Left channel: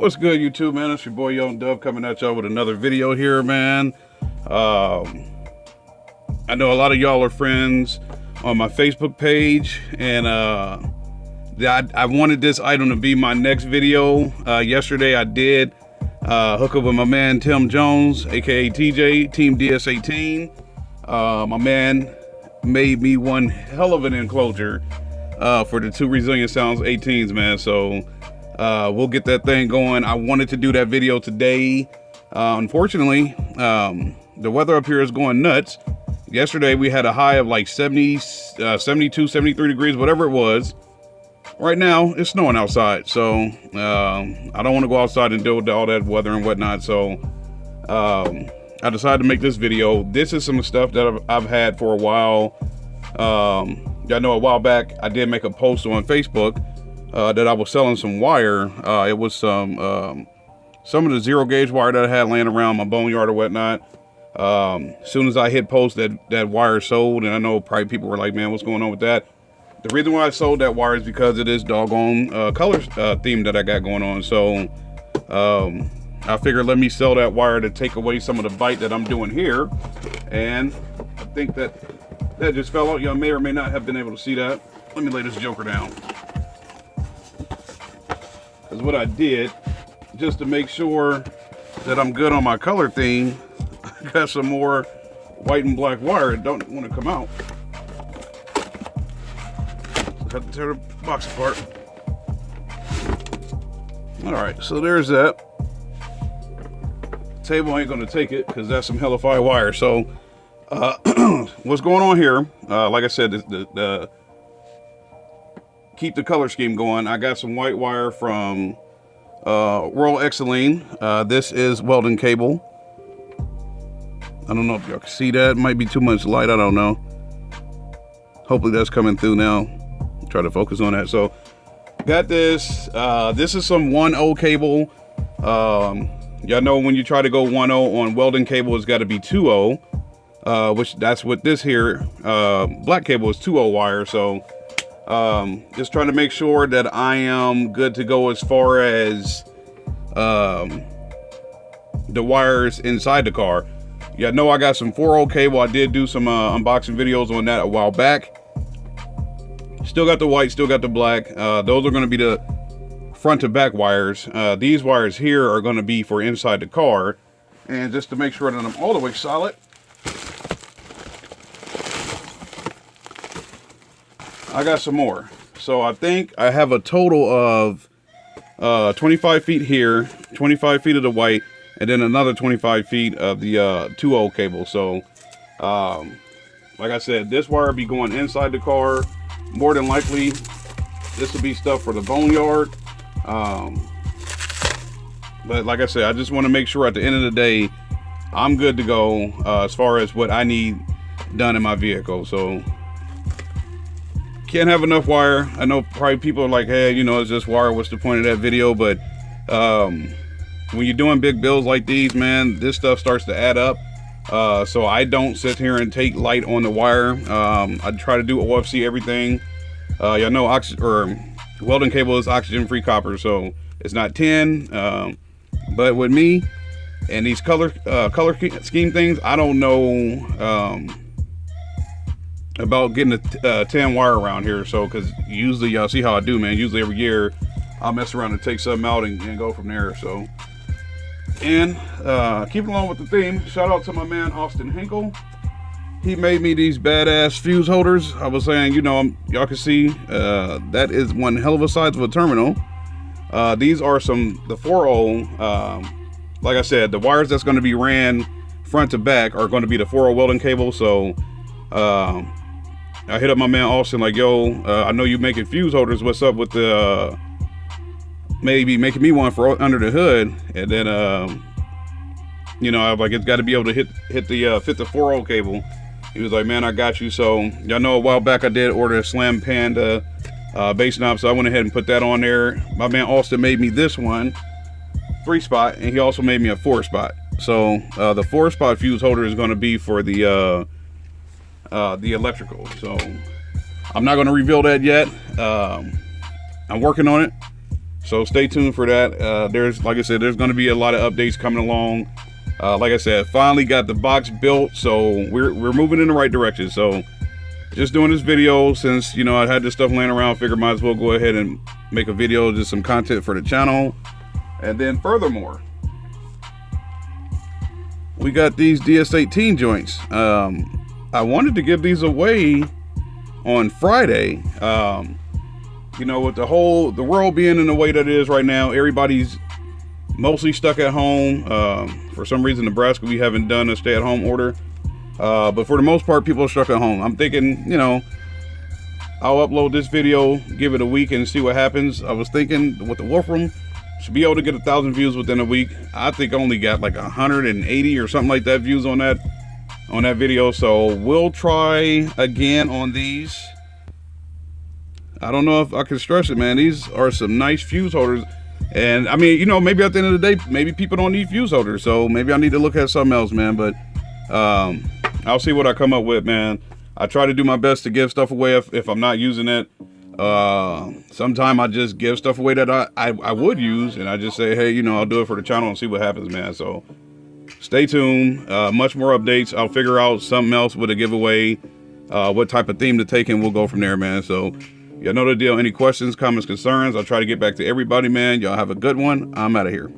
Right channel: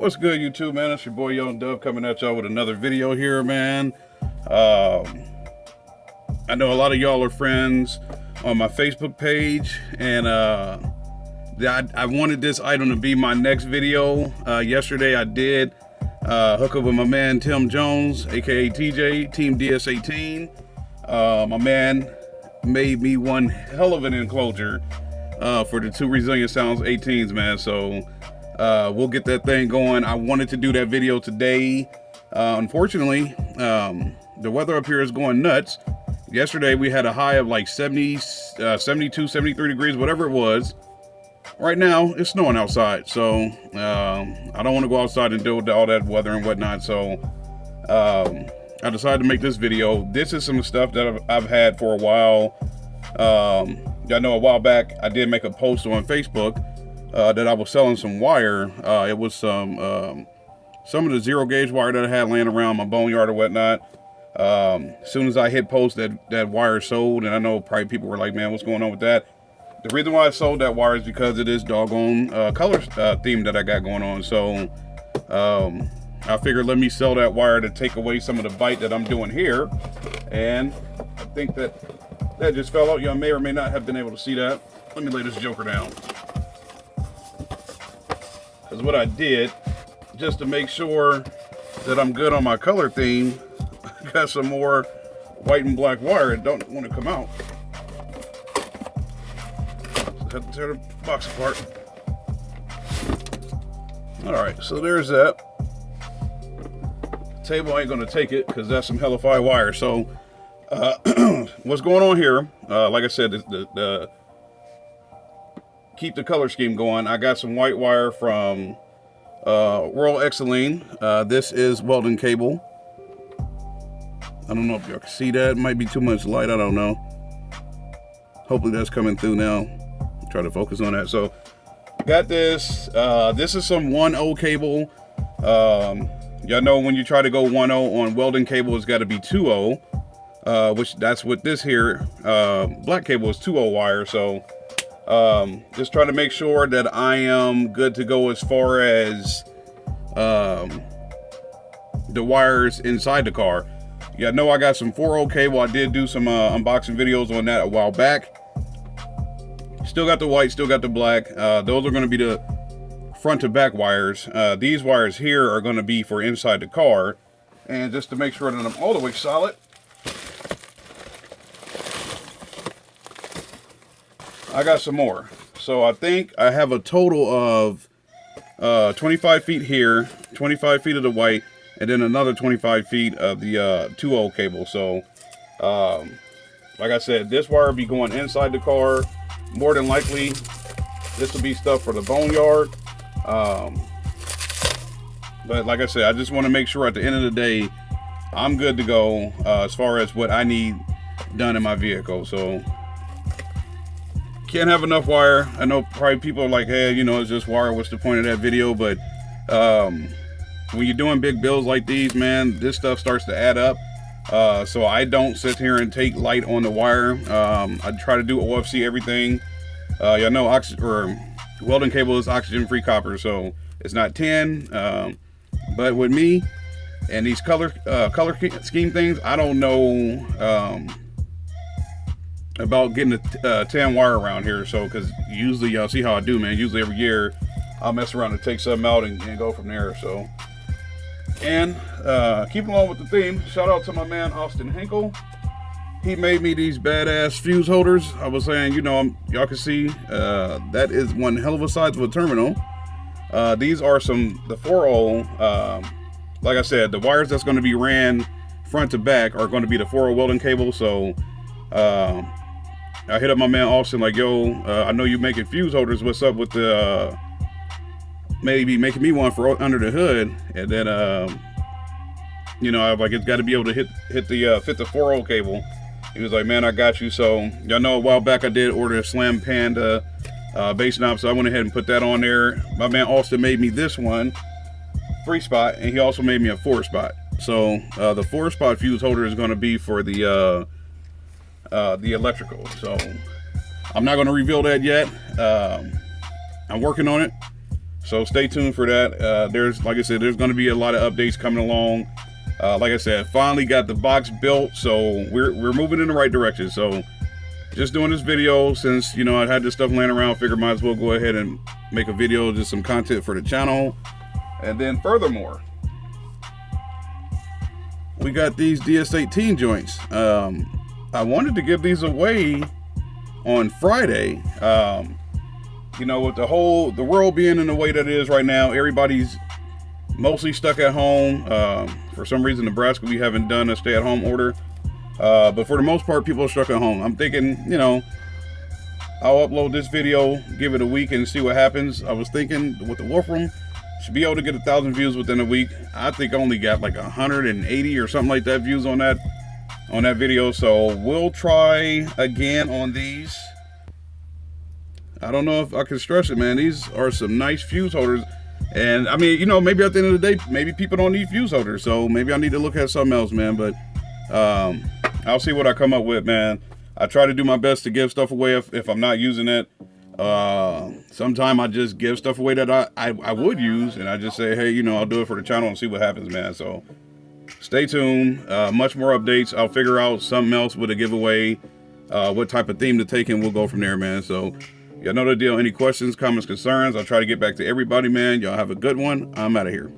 What's good, YouTube, man? It's your boy Young Dove coming at y'all with another video here, man. I know a lot of y'all are friends on my Facebook page, and I wanted this item to be my next video. Yesterday I did hook up with my man Tim Jones, aka TJ, Team DS18. My man made me one hell of an enclosure for the two Resilient Sounds 18s, man. So we'll get that thing going. I wanted to do that video today. Unfortunately, the weather up here is going nuts. Yesterday we had a high of like 70, 72, 73 degrees, whatever it was. Right now it's snowing outside, so I don't want to go outside and deal with all that weather and whatnot. So I decided to make this video. This is some stuff that I've had for a while. I know a while back I did make a post on Facebook that I was selling some wire. It was some of the zero gauge wire that I had laying around my boneyard or whatnot. As soon as I hit post, that wire sold, and I know probably people were like, man, what's going on with that? The reason why I sold that wire is because it is doggone color theme that I got going on. So I figured let me sell that wire to take away some of the bite that I'm doing here. And I think that just fell out. Y'all may or may not have been able to see that. Let me lay this joker down. Because what I did, just to make sure that I'm good on my color theme, I got some more white and black wire. It don't want to come out. Got to tear the box apart. All right, so there's that. Table ain't gonna take it because that's some hellified wire. So what's going on here? Like I said, the keep the color scheme going. I got some white wire from Royal Exeline. This is welding cable. I don't know if y'all can see that. It might be too much light. I don't know. Hopefully that's coming through now. Try to focus on that. So got this. This is some 1.0 cable. Y'all know when you try to go 1.0 on welding cable, it's got to be 2.0, which that's what this here black cable is 2.0 wire. So just trying to make sure that I am good to go as far as the wires inside the car. Yeah, know I got some 4.0 cable. I did do some unboxing videos on that a while back. Still got the white, still got the black. Those are going to be the front to back wires. These wires here are going to be for inside the car. And just to make sure that I'm all the way solid, I got some more. So I think I have a total of 25 feet here, 25 feet of the white, and then another 25 feet of the 2.0 cable. So like I said, this wire will be going inside the car. More than likely, this will be stuff for the boneyard. But like I said, I just want to make sure at the end of the day, I'm good to go as far as what I need done in my vehicle. So can't have enough wire. I know probably people are like, hey, you know, it's just wire. What's the point of that video? But when you're doing big builds like these, man, this stuff starts to add up. So I don't sit here and take light on the wire. I try to do OFC everything. Y'all know welding cable is oxygen-free copper, so it's not tin. But with me and these color scheme things, I don't know about getting a tin wire around here. So, because usually y'all see how I do, man. Usually every year I'll mess around and take something out and go from there. So. And keep along with the theme, shout out to my man Austin Hinkle. He made me these badass fuse holders. I was saying, you know, y'all can see that is one hell of a size of a terminal. These are the 4.0. Like I said, the wires that's going to be ran front to back are going to be the 4.0 welding cable. So I hit up my man Austin like, yo, I know you making fuse holders. What's up with the maybe making me one for under the hood? And then you know, I was like, it's got to be able to fit the 4.0 cable. He was like, man, I got you. So y'all know a while back I did order a Slam Panda base knob, so I went ahead and put that on there. My man Austin made me this one 3-spot, and he also made me a 4-spot. So the 4-spot fuse holder is going to be for the electrical. So I'm not going to reveal that yet. I'm working on it. So stay tuned for that. There's, like I said, there's going to be a lot of updates coming along. Like I said, finally got the box built, so we're moving in the right direction. So just doing this video since, you know, I had this stuff laying around, figured might as well go ahead and make a video, just some content for the channel. And then furthermore, we got these DS18 joints. I wanted to give these away on Friday. You know, with the world being in the way that it is right now, everybody's mostly stuck at home. For some reason, Nebraska, we haven't done a stay-at-home order. But for the most part, people are stuck at home. I'm thinking, you know, I'll upload this video, give it a week and see what happens. I was thinking with the Wolfram, should be able to get 1,000 views within a week. I think I only got like 180 or something like that views on that video. So we'll try again on these. I don't know if I can stress it, man. These are some nice fuse holders. And I mean, you know, maybe at the end of the day, maybe people don't need fuse holders. So maybe I need to look at something else, man. But I'll see what I come up with, man. I try to do my best to give stuff away if I'm not using it. Sometimes I just give stuff away that I would use, and I just say, hey, you know, I'll do it for the channel and see what happens, man. So stay tuned. Much more updates. I'll figure out something else with a giveaway, what type of theme to take, and we'll go from there, man. So you know the deal. Any questions, comments, concerns, I'll try to get back to everybody, man. Y'all have a good one. I'm out of here.